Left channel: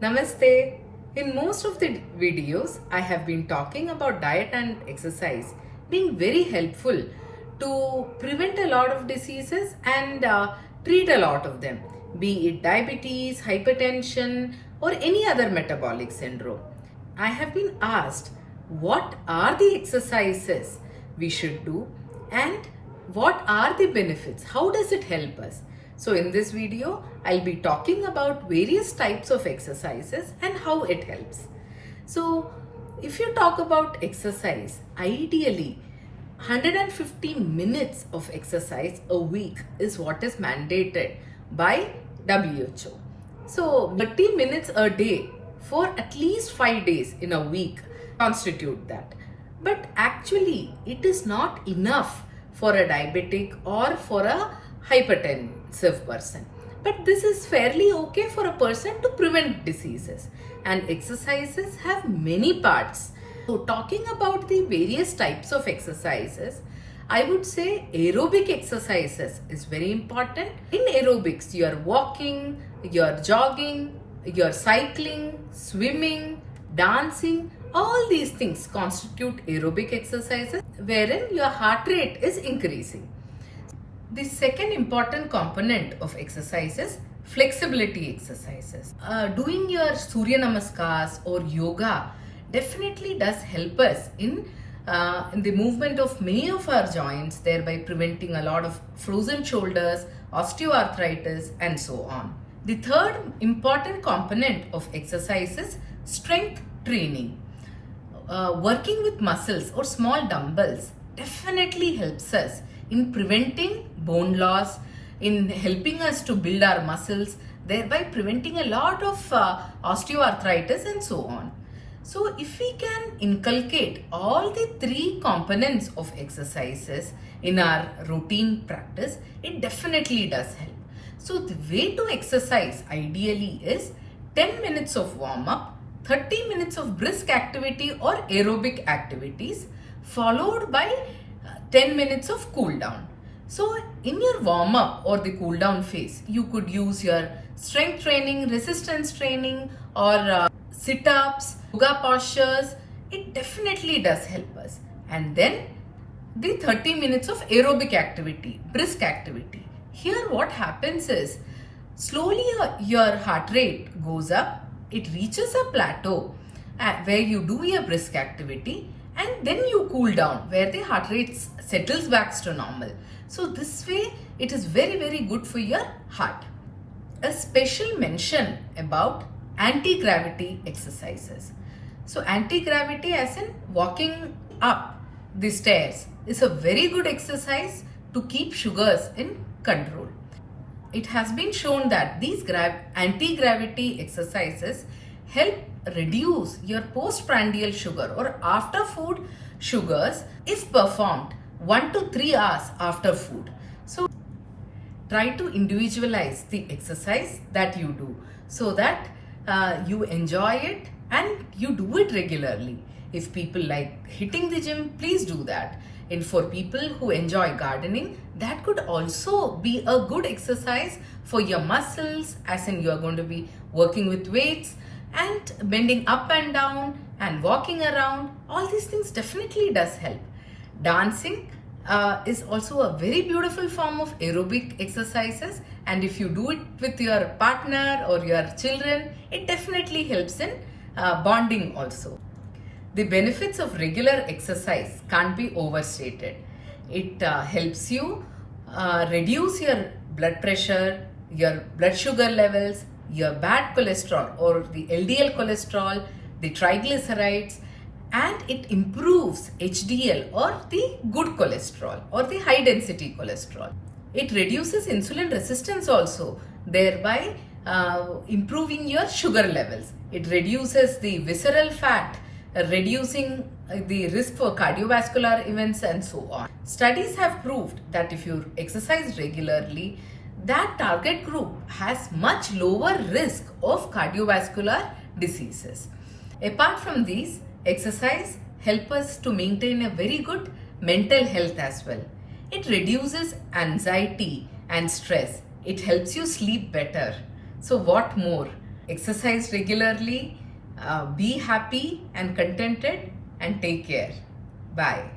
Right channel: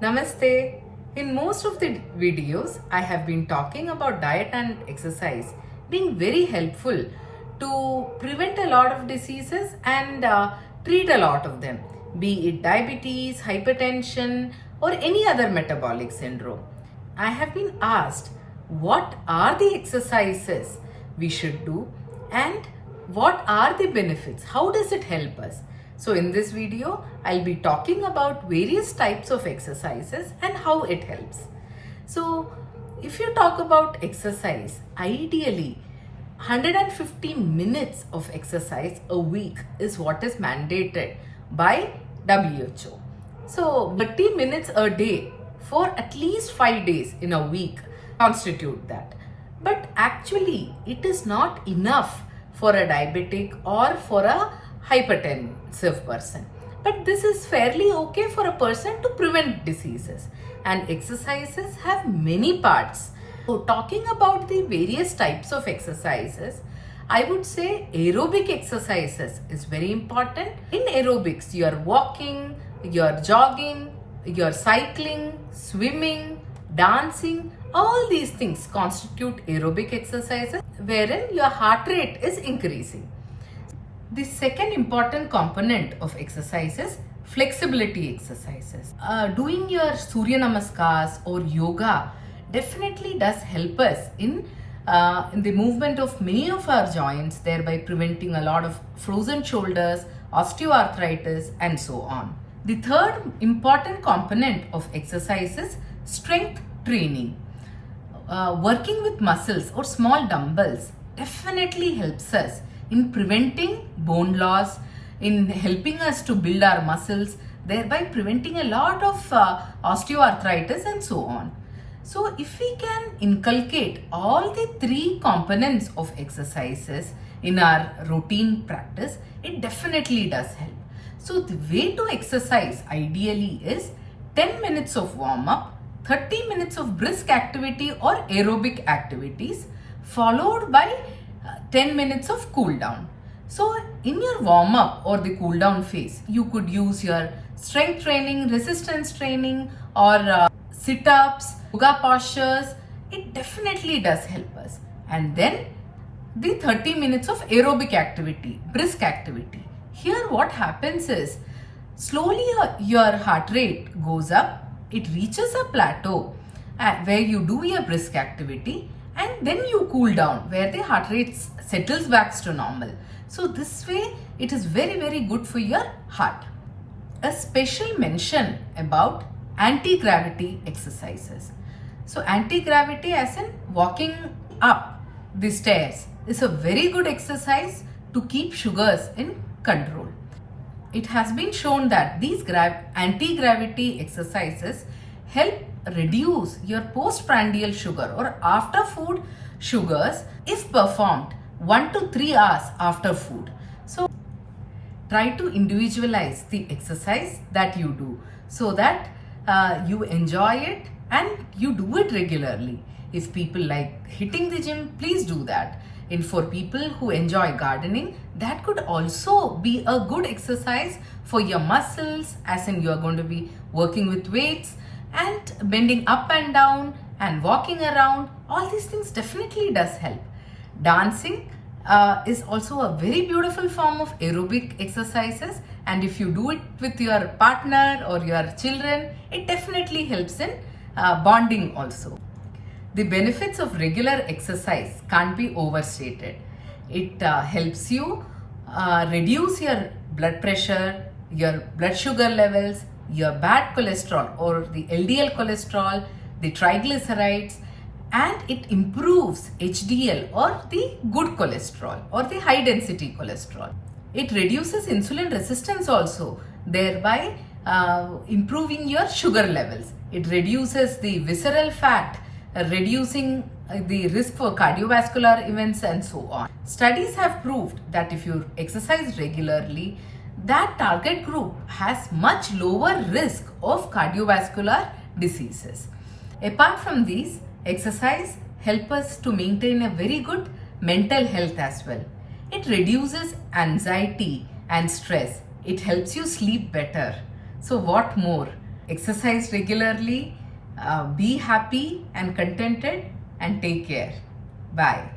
Namaste. In most of the videos, I have been talking about diet and exercise being very helpful to prevent a lot of diseases and treat a lot of them, be it diabetes, hypertension, or any other metabolic syndrome. I have been asked what are the exercises we should do and what are the benefits? How does it help us? So in this video, I'll be talking about various types of exercises and how it helps. So if you talk about exercise, ideally 150 minutes of exercise a week is what is mandated by WHO. So 30 minutes a day for at least 5 days in a week constitute that. But actually it is not enough for a diabetic or for a hypertensive person. But this is fairly okay for a person to prevent diseases. And exercises have many parts. So talking about the various types of exercises, I would say aerobic exercises is very important. In aerobics, you are walking, you are jogging, you are cycling, swimming, dancing. All these things constitute aerobic exercises wherein your heart rate is increasing. The second important component of exercise is flexibility exercises. Doing your Surya Namaskars or yoga definitely does help us in the movement of many of our joints, thereby preventing a lot of frozen shoulders, osteoarthritis, and so on. The third important component of exercise is strength training. Working with muscles or small dumbbells definitely helps us in preventing bone loss, in helping us to build our muscles, thereby preventing a lot of osteoarthritis and so on. So if we can inculcate all the three components of exercises in our routine practice, it definitely does help. So the way to exercise ideally is 10 minutes of warm-up, 30 minutes of brisk activity or aerobic activities, followed by 10 minutes of cool down. So in your warm up or the cool down phase, you could use your strength training, resistance training, or sit ups, yoga postures. It definitely does help us. And then the 30 minutes of aerobic activity, brisk activity. Here what happens is slowly your heart rate goes up, it reaches a plateau where you do your brisk activity, and then you cool down where the heart rate settles back to normal. So this way it is very, very good for your heart. A special mention about anti-gravity exercises. So anti-gravity as in walking up the stairs is a very good exercise to keep sugars in control. It has been shown that these anti-gravity exercises help reduce your postprandial sugar or after food sugars if performed 1 to 3 hours after food. So try to individualize the exercise that you do so that you enjoy it and you do it regularly. If people like hitting the gym, please do that. And for people who enjoy gardening, that could also be a good exercise for your muscles, as in you are going to be working with weights and bending up and down and walking around. All these things definitely does help. Dancing is also a very beautiful form of aerobic exercises, and if you do it with your partner or your children, it definitely helps in bonding also. The benefits of regular exercise can't be overstated. It helps you reduce your blood pressure, your blood sugar levels, your bad cholesterol or the LDL cholesterol, the triglycerides, and it improves HDL or the good cholesterol or the high density cholesterol. It reduces insulin resistance also, thereby improving your sugar levels. It reduces the visceral fat, reducing the risk for cardiovascular events and so on. Studies have proved that if you exercise regularly, that target group has much lower risk of cardiovascular diseases. Apart from these, exercise helps us to maintain a very good mental health as well. It reduces anxiety and stress. It helps you sleep better. So what more? exercise regularly, be happy and contented, and take care. Bye.